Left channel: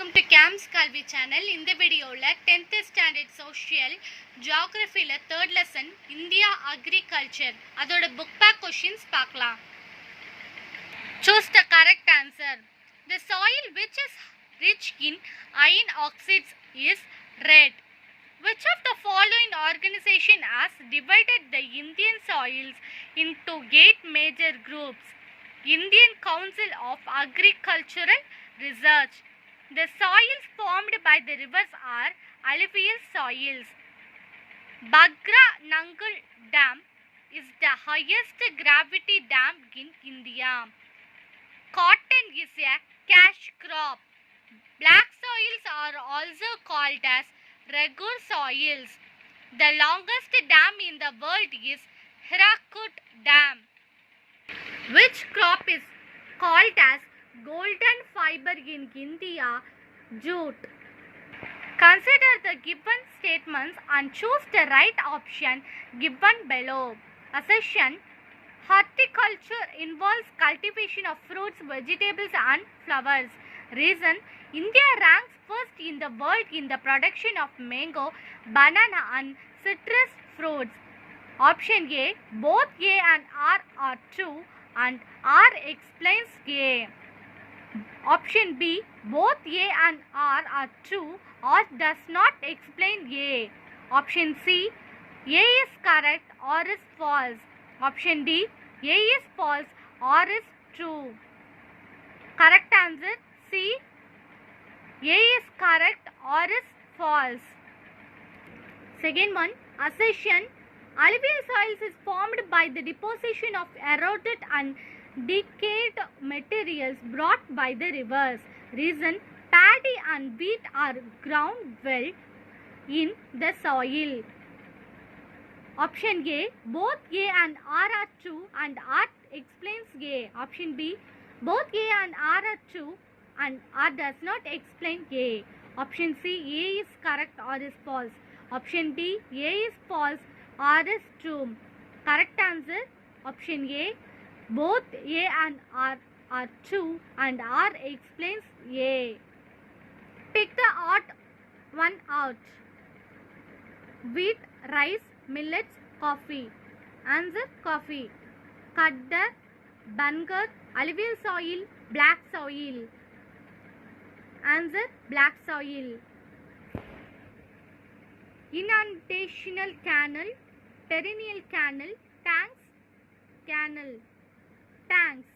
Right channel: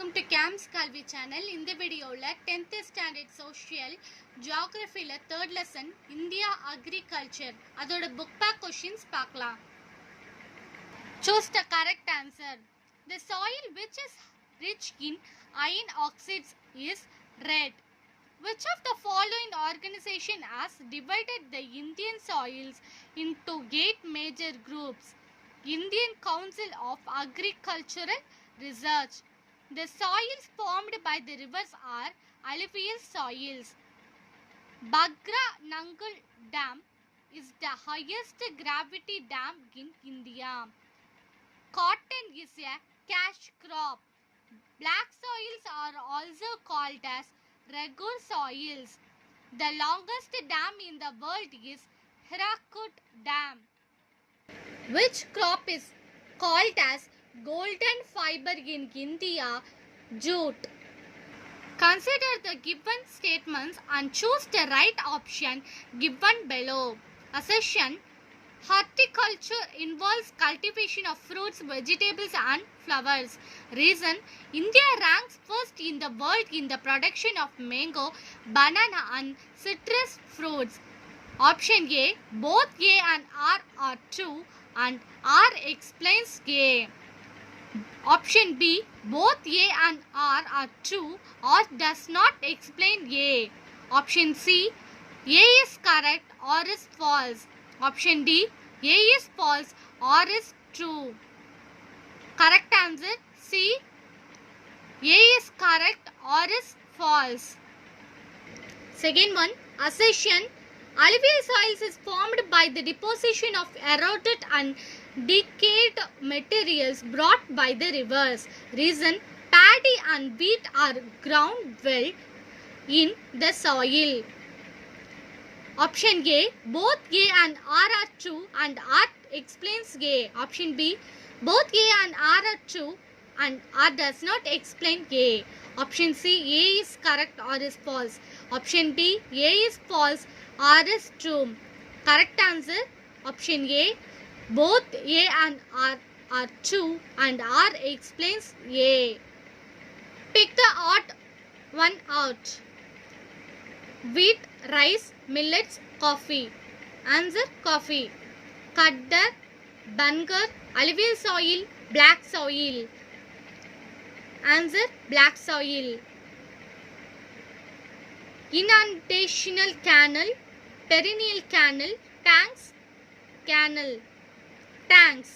Welcome to games Kalvi channel. இந்த வீடியோவில் 10th standard social ஜியாகிரஃபியில் 3rd லெசன் இந்தியா அக்ரிகல்ச்சர் அதோட புக் பேக் கொஷின்ஸ் பார்க்கலாம். Choose the correct answer. The soil which is rich in iron oxides is red. Which of the following organization has divided the Indian soils into 8 major groups? Indian Council of Agricultural Research. The soils formed by the rivers are alluvial soils. Bagra Nangal Dam is the highest gravity dam in India. Cotton is a cash crop. Black soils are also called as regur soils. The longest dam in the world is Hirakud Dam. Which crop is called as golden fiber in India? Jute. Consider the given statements and choose the right option given below. Assertion: horticulture involves cultivation of fruits, vegetables and flowers. Reason: India ranks first in the world in the production of mango, banana and citrus fruits. Option A: both A and R are true and R explains A. Option B: both A and R are true or does not explain A. Option C: A is correct or is false. Option D: A is false or is true. Correct answer C. A is correct or is false. Second one, assertion: alluvial soils is formed by the deposition of eroded and decayed materials brought by the rivers. Reason: paddy and wheat are ground well in the soil. Option A: both A and R are true and R explains A. Option B: both A and R are true and R does not explain A. Option C: A is correct or is false. Option D: A is false or is true. Correct answer option A. Both A and R are true and R explains A. Pick the odd one out. Wheat, rice, millets, coffee. Answer: coffee. Kaddar, Bangar, alluvial soil, black soil. Answer: black soil. Inundational canal, perennial canal, tanks, canal. Tanks.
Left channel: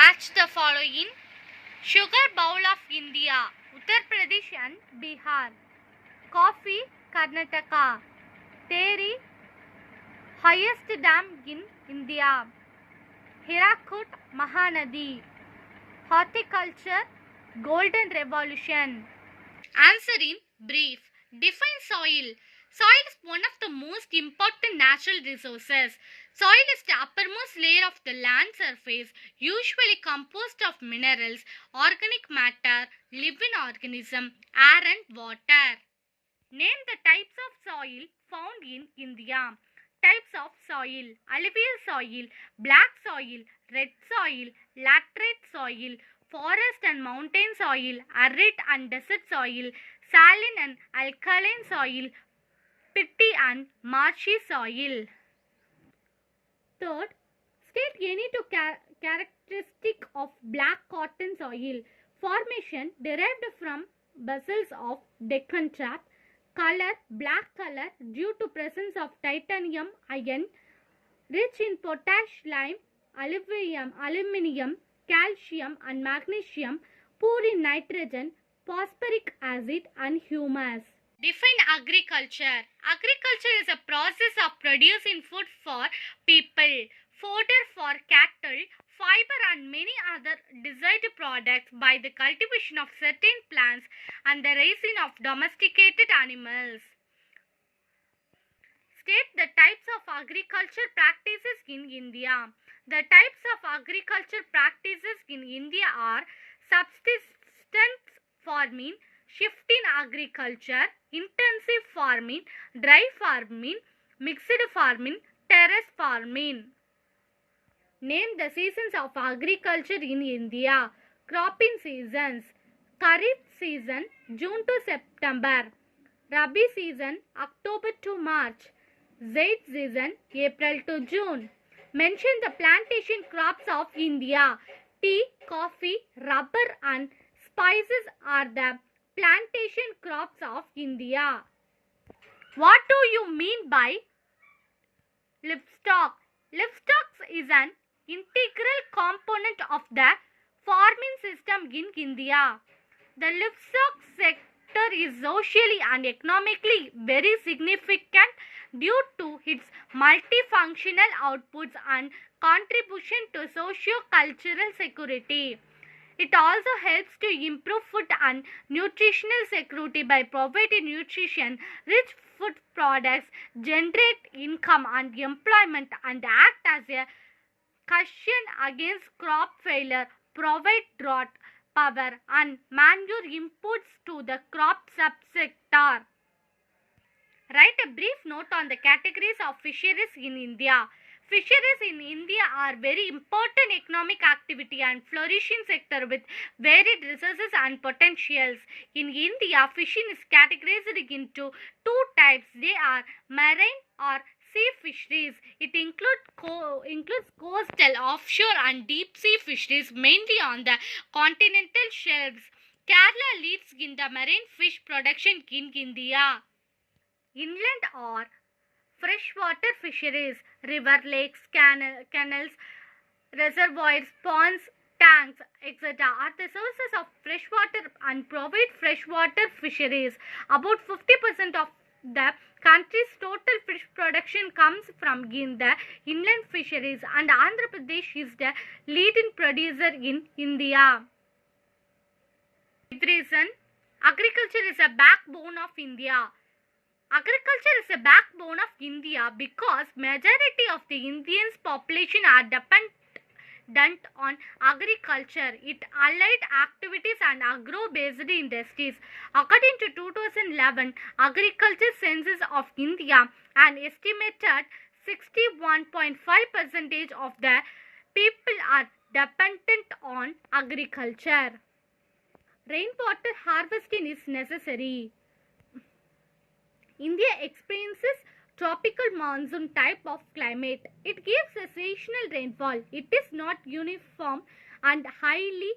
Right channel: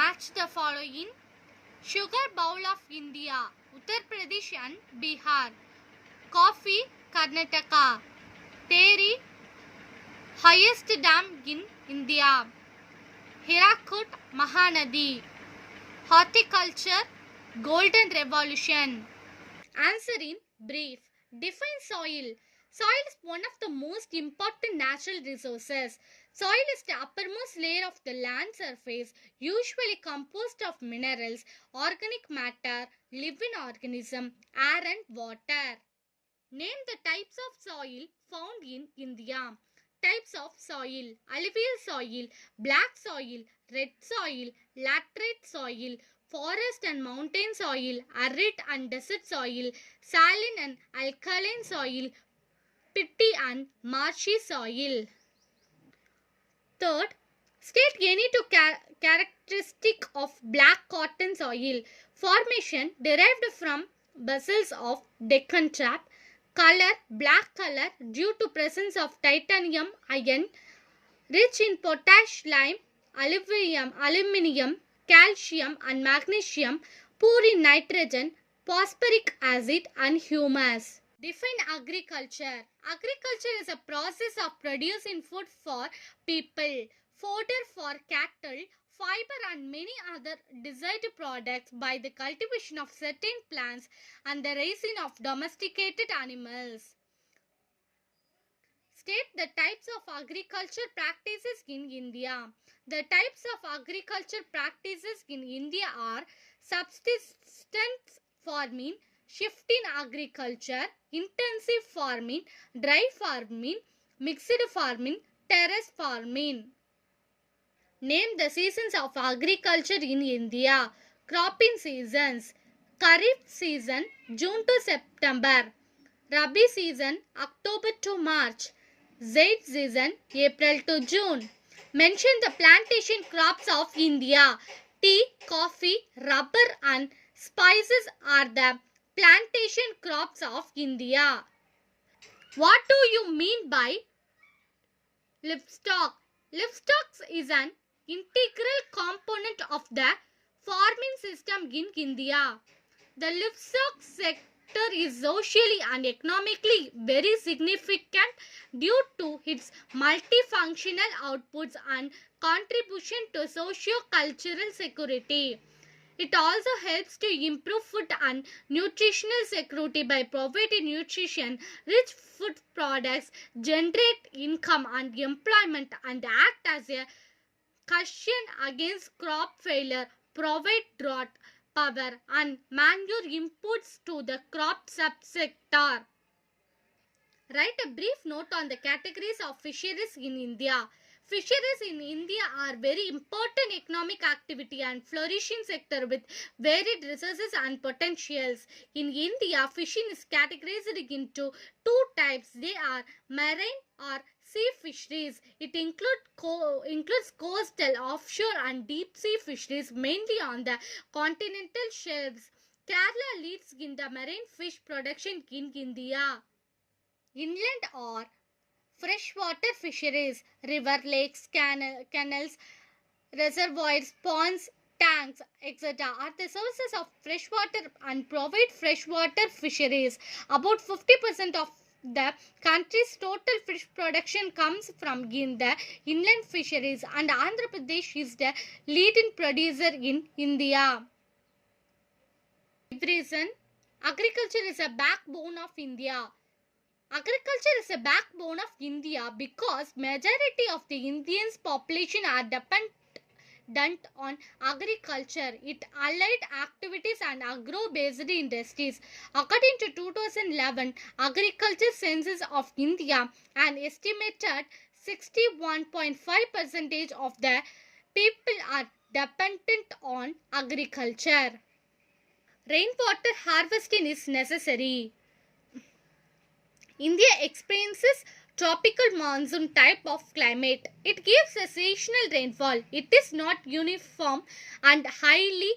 Match the following. Sugar bowl of India, Uttar Pradesh and Bihar. Coffee, Karnataka. Dairy, highest dam in India. Hirakud, Mahanadi. Horticulture, Golden Revolution. Answer in brief. Define soil. Soil is one of the most important natural resources. Soil is the uppermost layer of the land surface, usually composed of minerals, organic matter, living organism, air and water. Name the types of soil found in India. Types of soil: alluvial soil, black soil, red soil, laterite soil, forest and mountain soil, arid and desert soil, saline and alkaline soil, peaty and marshy soil. Third, state any two characteristic of black cotton soil. Formation: derived from basals of Deccan Trap. Color: black color due to presence of titanium iron. Rich in potash, lime, aluminium, calcium and magnesium. Poor in nitrogen, phosphoric acid and humus. Define agriculture. Agriculture is a process of producing food for people, fodder for cattle, fiber and many other desired products by the cultivation of certain plants and the raising of domesticated animals. State the types of agriculture practices in India. The types of agriculture practices in India are subsistence farming, shifting agriculture, intensive farming, dry farming, mixed farming, terrace farming. Name the seasons of agriculture in India. Cropping seasons: Kharif season June to September. Rabi season October to March. Zaid season April to June. Mention the plantation crops of India. Tea, coffee, rubber and spices are the plantation crops of India. What do you mean by livestock? Livestock is an integral component of the farming system in India. The livestock sector is socially and economically very significant due to its multifunctional outputs and contribution to socio-cultural security. It also helps to improve food and nutritional security by providing nutrition-rich food products, generate income and employment, and act as a cushion against crop failure, provide drought, power and manure inputs to the crop subsector. Write a brief note on the categories of fisheries in India. Fisheries in India are very important economic activity and flourishing sector with varied resources and potentials. In India, fishing is categorized into two types. They are marine or sea fisheries. It includes coastal, offshore and deep sea fisheries mainly on the continental shelves. Kerala leads in the marine fish production in India. Inland or freshwater fisheries, river, lakes, canals, reservoirs, ponds, tanks, etc. are the sources of freshwater and provide freshwater fisheries. About 50% of the country's total fish production comes from the inland fisheries, and Andhra Pradesh is the leading producer in India. Reason, agriculture is a backbone of India. Agriculture is a backbone of India because majority of the Indians population are dependent on agriculture, its allied activities and agro-based industries. According to 2011 Agriculture Census of India, an estimated 61.5% of the people are dependent on agriculture. Rainwater harvesting is necessary. India experiences tropical monsoon type of climate. It gives a seasonal rainfall. It is not uniform and highly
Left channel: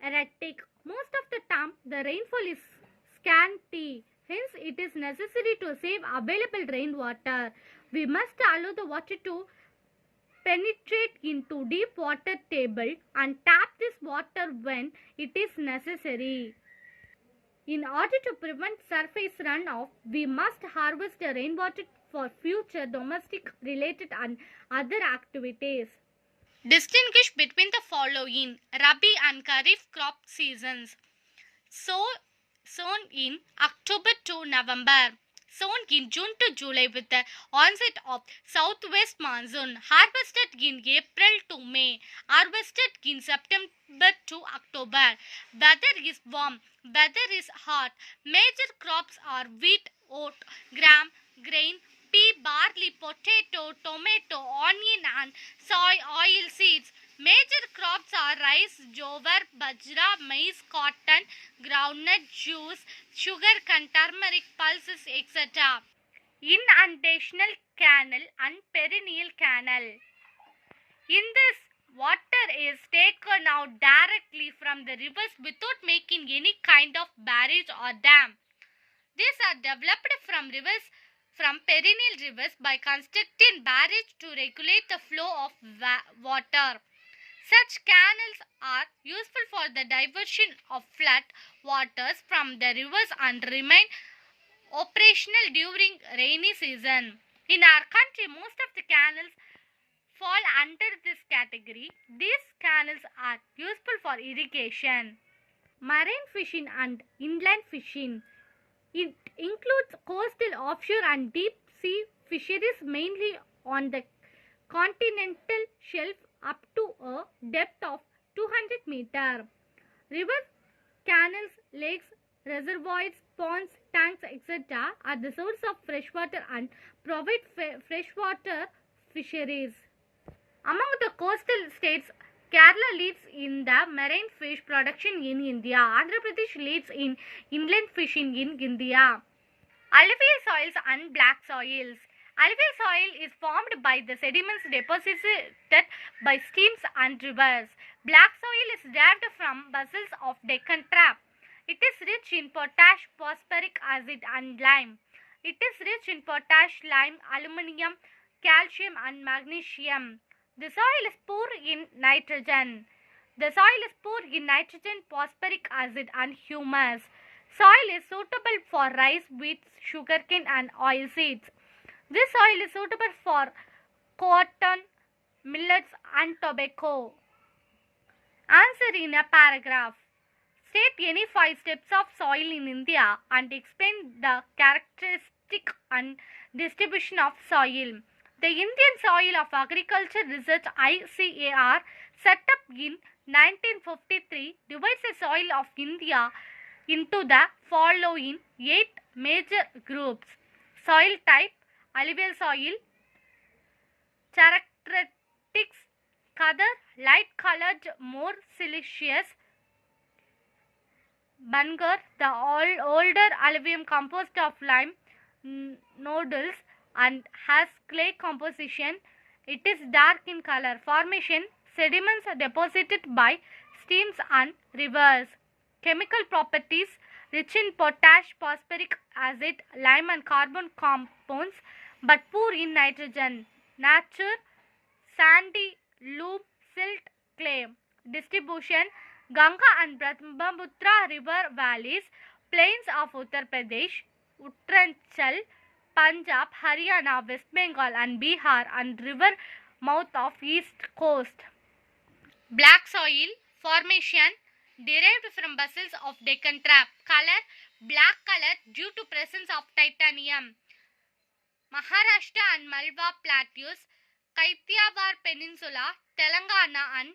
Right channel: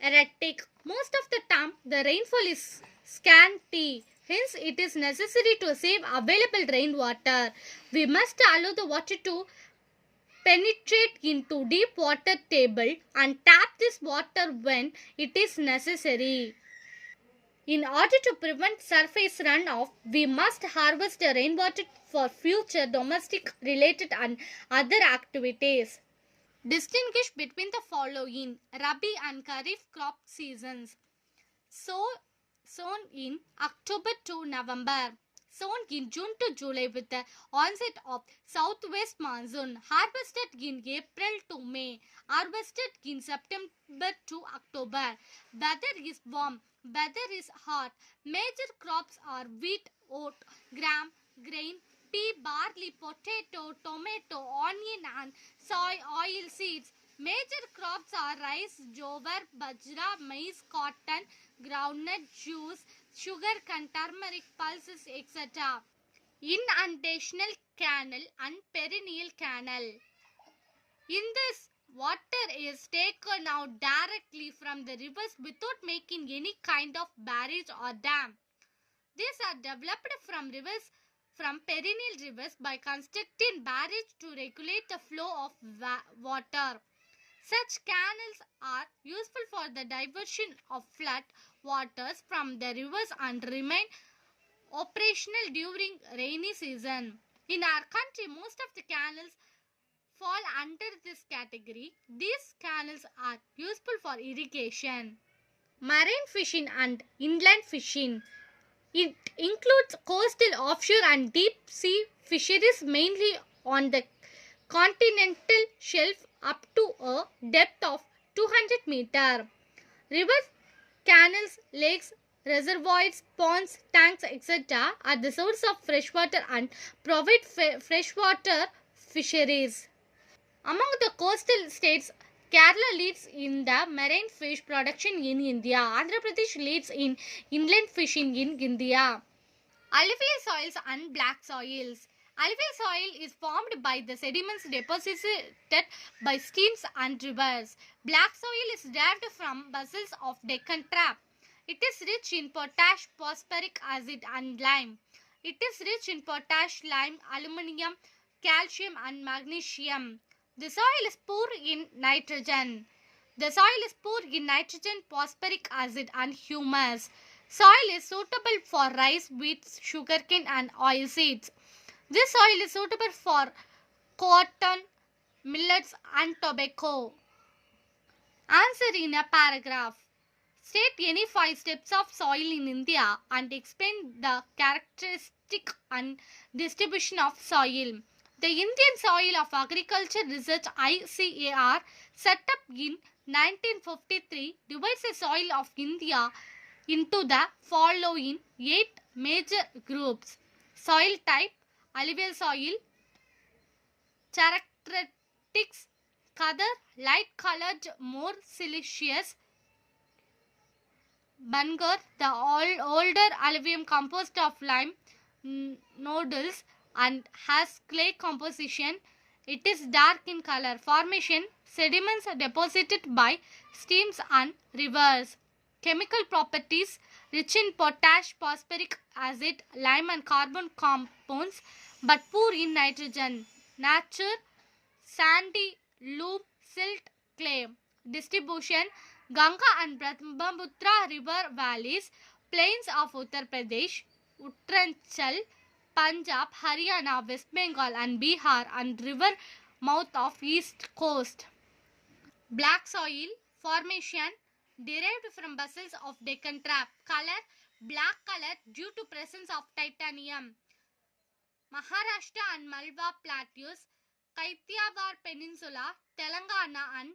erratic. Most of the time, the rainfall is scanty. Hence, it is necessary to save available rainwater. We must allow the water to penetrate into deep water table and tap this water when it is necessary. In order to prevent surface runoff, we must harvest the rainwater for future domestic related and other activities. Distinguish between the following Rabi and Kharif crop seasons. Sown in October to November. Sown in June to July with the onset of southwest monsoon. Harvested in April to May. Harvested in September to October. Weather is warm. Weather is hot. Major crops are wheat, oat, gram, grain, pea, barley, potato, tomato, onion and soy oil seeds. Major crops are rice, jowar, bajra, maize, cotton, groundnut, juice, sugarcane, turmeric, pulses, etc. Inundational canal and perennial canal. In this, water is taken out directly from the rivers without making any kind of barrage or dam. These are developed from perennial rivers by constructing barrage to regulate the flow of water. Such canals are useful for the diversion of flood waters from the rivers and remain operational during rainy season. In our country, most of the canals fall under this category. These canals are useful for irrigation. Marine fishing and inland fishing. It includes coastal, offshore and deep sea fisheries mainly on the continental shelf up to a depth of 200 meters. Rivers, canals, lakes, reservoirs, ponds, tanks, etc. are the source of freshwater and provide freshwater fisheries. Among the coastal states, Kerala leads in the marine fish production in India. Andhra Pradesh leads in inland fishing in India. Alluvial soils and black soils. Alluvial soil is formed by the sediments deposited by streams and rivers. Black soil is derived from basins of Deccan Trap. It is rich in potash, phosphoric acid and lime. It is rich in potash, lime, aluminium, calcium and magnesium. The soil is poor in nitrogen. The soil is poor in nitrogen, phosphoric acid and humus. Soil is suitable for rice, wheat, sugarcane and oilseeds. This soil is suitable for cotton, millets and tobacco. Answer in a paragraph. State any 5 steps of soil in India and explain the characteristic and distribution of soil. The Indian Soil of Agriculture Research ICAR set up in 1953 divides the soil of India into the following 8 major groups. Soil type, alluvial soil, characteristics, color, light colored, more siliceous, Bangar, the older alluvium composed of lime nodules and has clay composition. It is dark in color. Formation, sediments are deposited by streams and rivers. Chemical properties, rich in potash, phosphoric acid, lime and carbon compounds but poor in nitrogen. Nature, sandy, loam, silt, clay. Distribution, Ganga and Brahmaputra river valleys, plains of Uttar Pradesh, Uttaranchal, Punjab, Haryana, West Bengal and Bihar and river mouth of east coast. Black soil formation derived from basins of Deccan Trap. Color, black color due to presence of titanium. Maharashtra and Malwa plateaus, Kathiawar Peninsula, Telangana and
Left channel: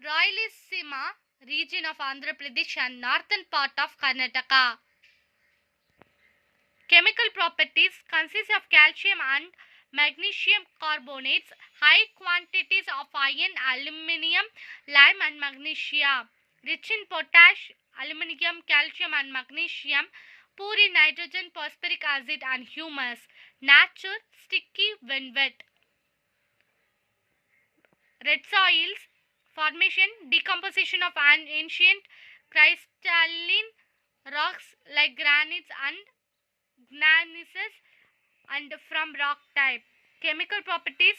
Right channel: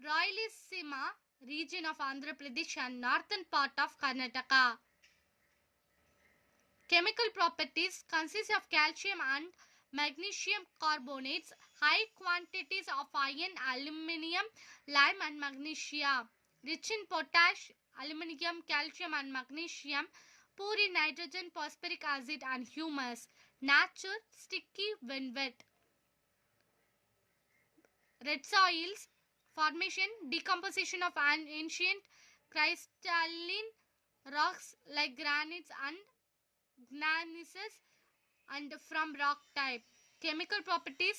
Rayalaseema region of Andhra Pradesh and northern part of Karnataka. Chemical properties consist of calcium and magnesium carbonates, high quantities of iron, aluminium, lime and magnesia, rich in potash, aluminium, calcium and magnesium, poor in nitrogen, phosphoric acid and humus. Nature, sticky when wet. Red soils formation, decomposition of an ancient crystalline rocks like granites and gneisses and from rock type. Chemical properties,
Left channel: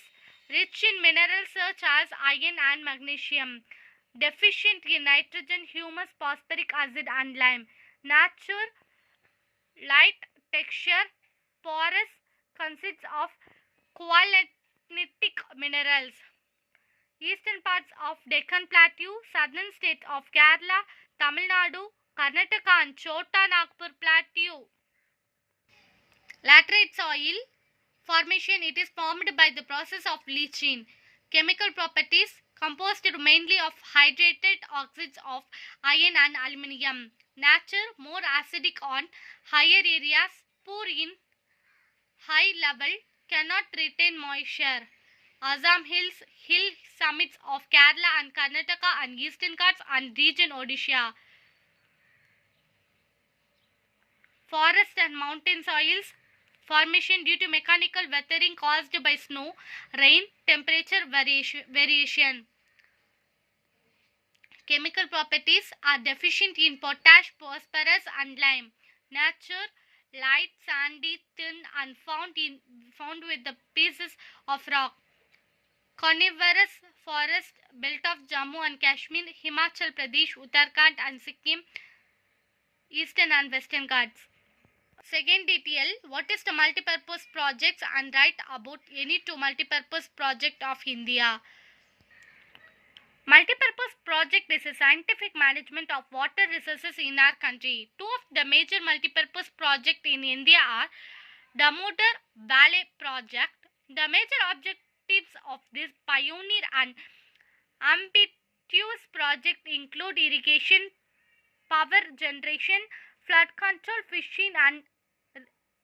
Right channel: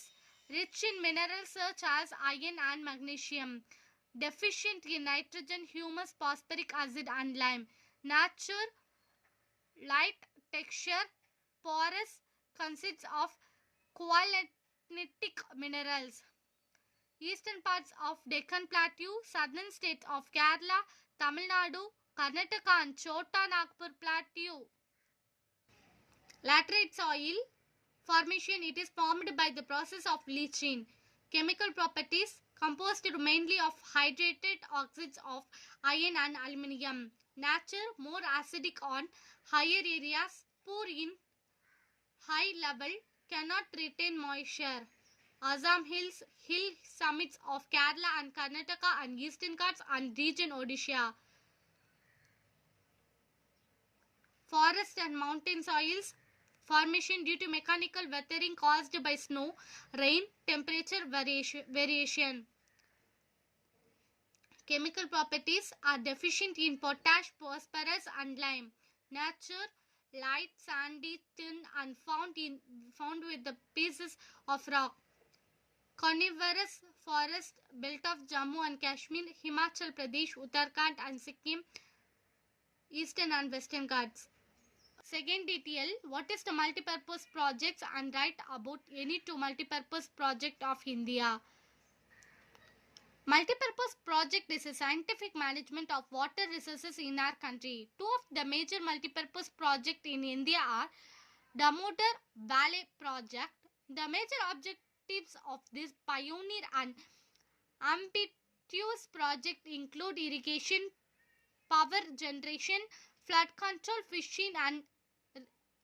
rich in minerals such as iron and magnesium, deficient in nitrogen, humus, phosphoric acid and lime. Nature, light texture, porous, consists of qualinitic minerals. Eastern parts of Deccan Plateau, southern states of Kerala, Tamil Nadu, Karnataka and Chota Nagpur Plateau. Laterite soil formation, it is formed by the process of leaching. Chemical properties, composed mainly of hydrated oxides of iron and aluminium. Nature, more acidic on higher areas, poor in high level, cannot retain moisture. Assam Hills, hill summits of Kerala and Karnataka and Eastern Ghats and region Odisha. Forest and mountain soils formation due to mechanical weathering caused by snow, rain, temperature variation. Chemical properties are deficient in potash, phosphorus and lime. Nature, light, sandy, thin and found with the pieces of rock. Coniferous forest belt of Jammu and Kashmir, Himachal Pradesh, Uttarakhand and Sikkim, Eastern and Western Ghats. Second detail, what is the multipurpose projects and write about any two multipurpose project of India. Multipurpose project is a scientific management of water resources in our country. Two of the major multipurpose projects in India are Damodar Valley Project. The major objectives of this pioneer and ambitious project include irrigation, power generation, flood control, fishing and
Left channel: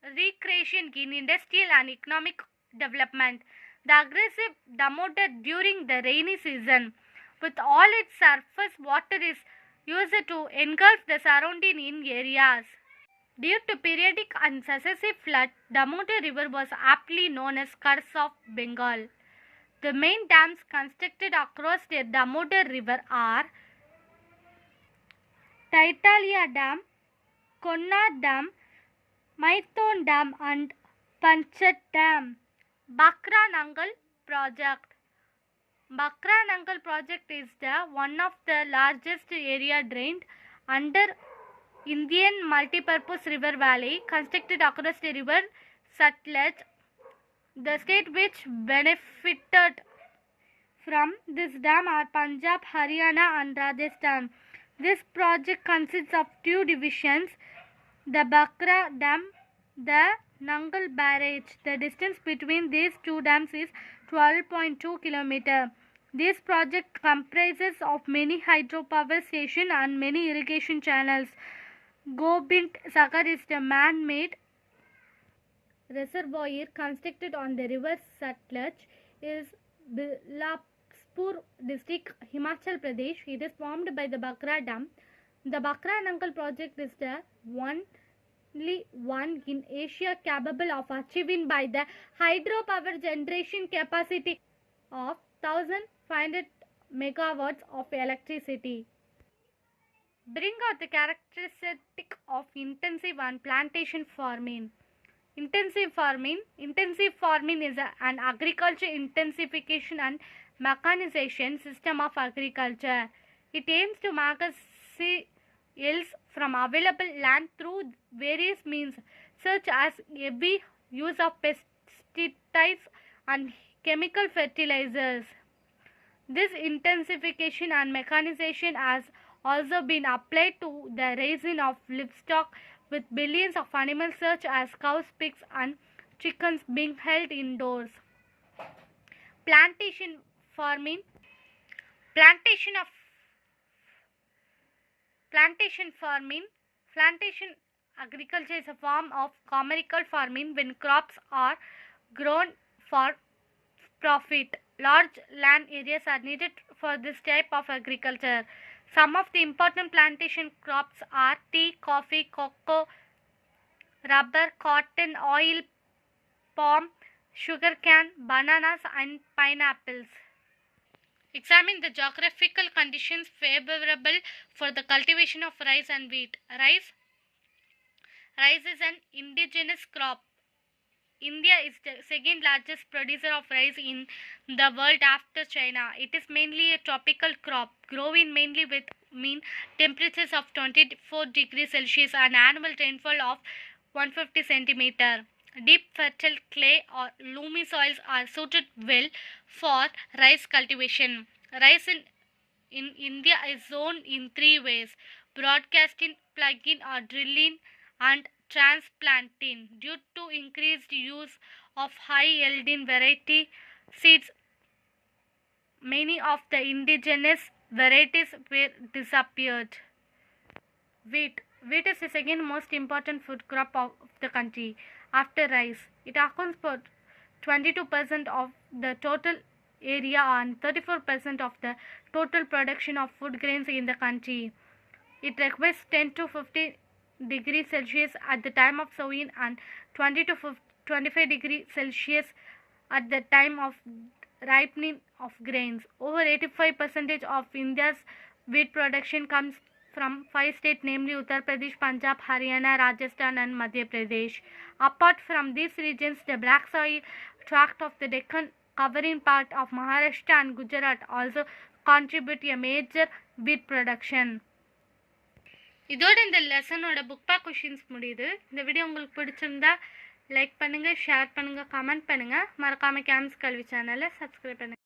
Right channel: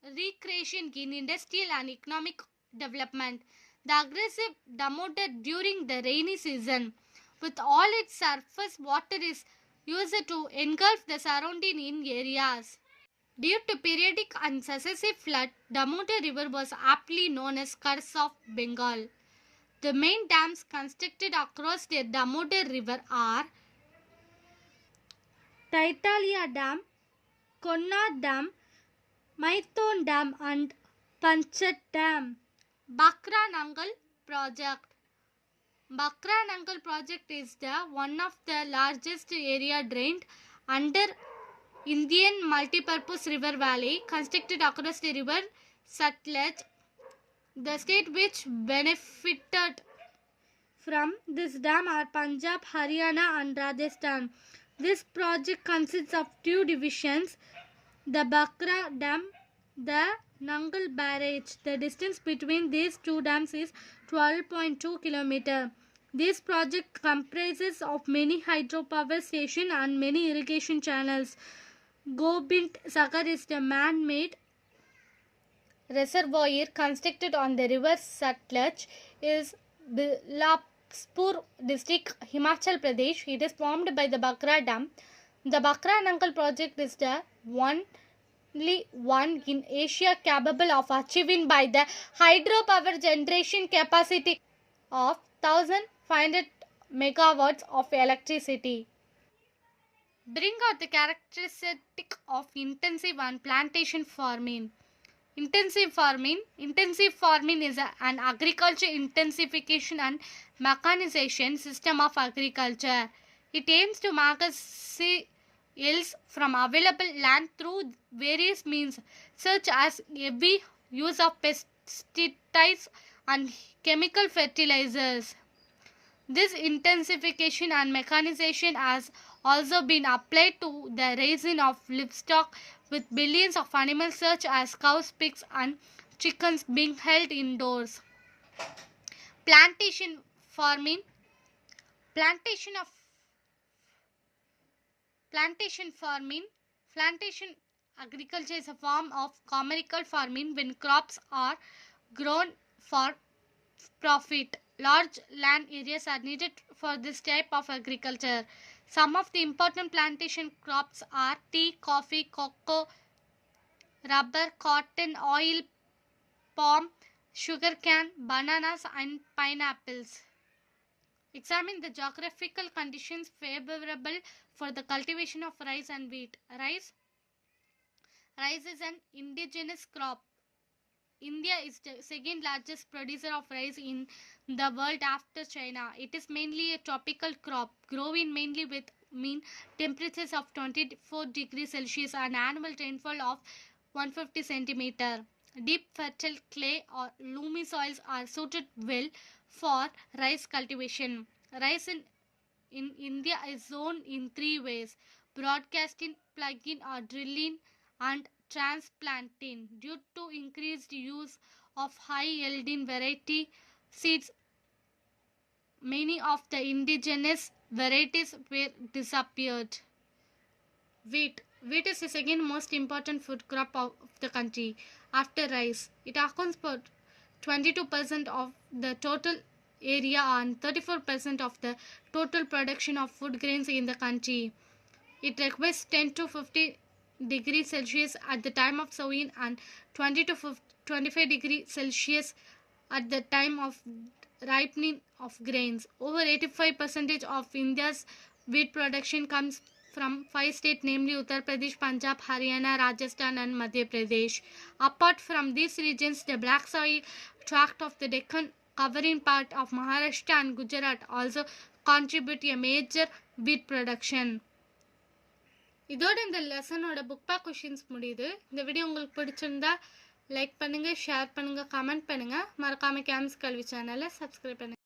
recreation in industrial and economic development. The aggressive Damodar during the rainy season with all its surface water is used to engulf the surrounding areas. Due to periodic and successive flood, Damodar River was aptly known as Curse of Bengal. The main dams constructed across the Damodar River are Taitalia Dam, Konna Dam, Maithon Dam and Panchat Dam. Bakra Nangal Project. Bakra Nangal project is the one of the largest area drained under Indian multipurpose river valley constructed across the river Satluj. The state which benefited from this dam are Punjab, Haryana and Rajasthan. This project consists of two divisions, the Bakra Dam, the Nangal Barrage. The distance between these two dams is 12.2 km. This project comprises of many hydropower stations and many irrigation channels. Gobind Sagar is the man-made reservoir constructed on the river Satluj. Is Bilaspur district, Himachal Pradesh. It is formed by the Bakra Dam. The Bakra Nangal project is the only one in Asia capable of achieving by the hydropower generation capacity of 1500 megawatts of electricity. Bring out the characteristic of intensive and plantation farming. Intensive farming is an agriculture intensification and mechanization system of agriculture. It aims to maximize yields from available land through various means such as heavy use of pesticides and chemical fertilizers. This intensification and mechanization has also been applied to the raising of livestock, with billions of animals such as cows, pigs and chickens being held indoors. Plantation agriculture is a form of commercial farming when crops are grown for profit. Large land areas are needed for this type of agriculture. Some of the important plantation crops are tea, coffee, cocoa, rubber, cotton, oil, palm, sugarcane, bananas and pineapples. Examine the geographical conditions favorable for the cultivation of rice and wheat. Rice is an indigenous crop. India is the second largest producer of rice in the world after China. It is mainly a tropical crop, growing mainly with mean temperatures of 24 degrees Celsius and annual rainfall of 150 centimeter. Deep fertile clay or loamy soils are suited well for rice cultivation. Rice in India is sown in three ways: broadcasting, plugging or drilling, and transplanting. Due to increased use of high yielding variety seeds, many of the indigenous varieties were disappeared. Wheat is the second most important food crop of the country after rice. It accounts for 22% of the total area and 34% of the total production of food grains in the country. It requires 10 to 50 degrees Celsius at the time of sowing and 20 to 25 degrees Celsius at the time of ripening of grains. Over 85% of India's wheat production comes from 5 states, namely Uttar Pradesh, Punjab, Haryana, Rajasthan and Madhya Pradesh. Apart from these regions, the black soil tract of the Deccan covering part of Maharashtra and Gujarat also contribute a major wheat production. இதோட இந்த லெசனோட book back questions முடியுது. இந்த video உங்களுக்கு பிடிச்சிருந்தா like பண்ணுங்கள், share பண்ணுங்கள், comment பண்ணுங்கள். மறக்காமல் கேம்ஸ் கல்வி சேனலை சப்ஸ்கிரைப் பண்ணுங்கள்.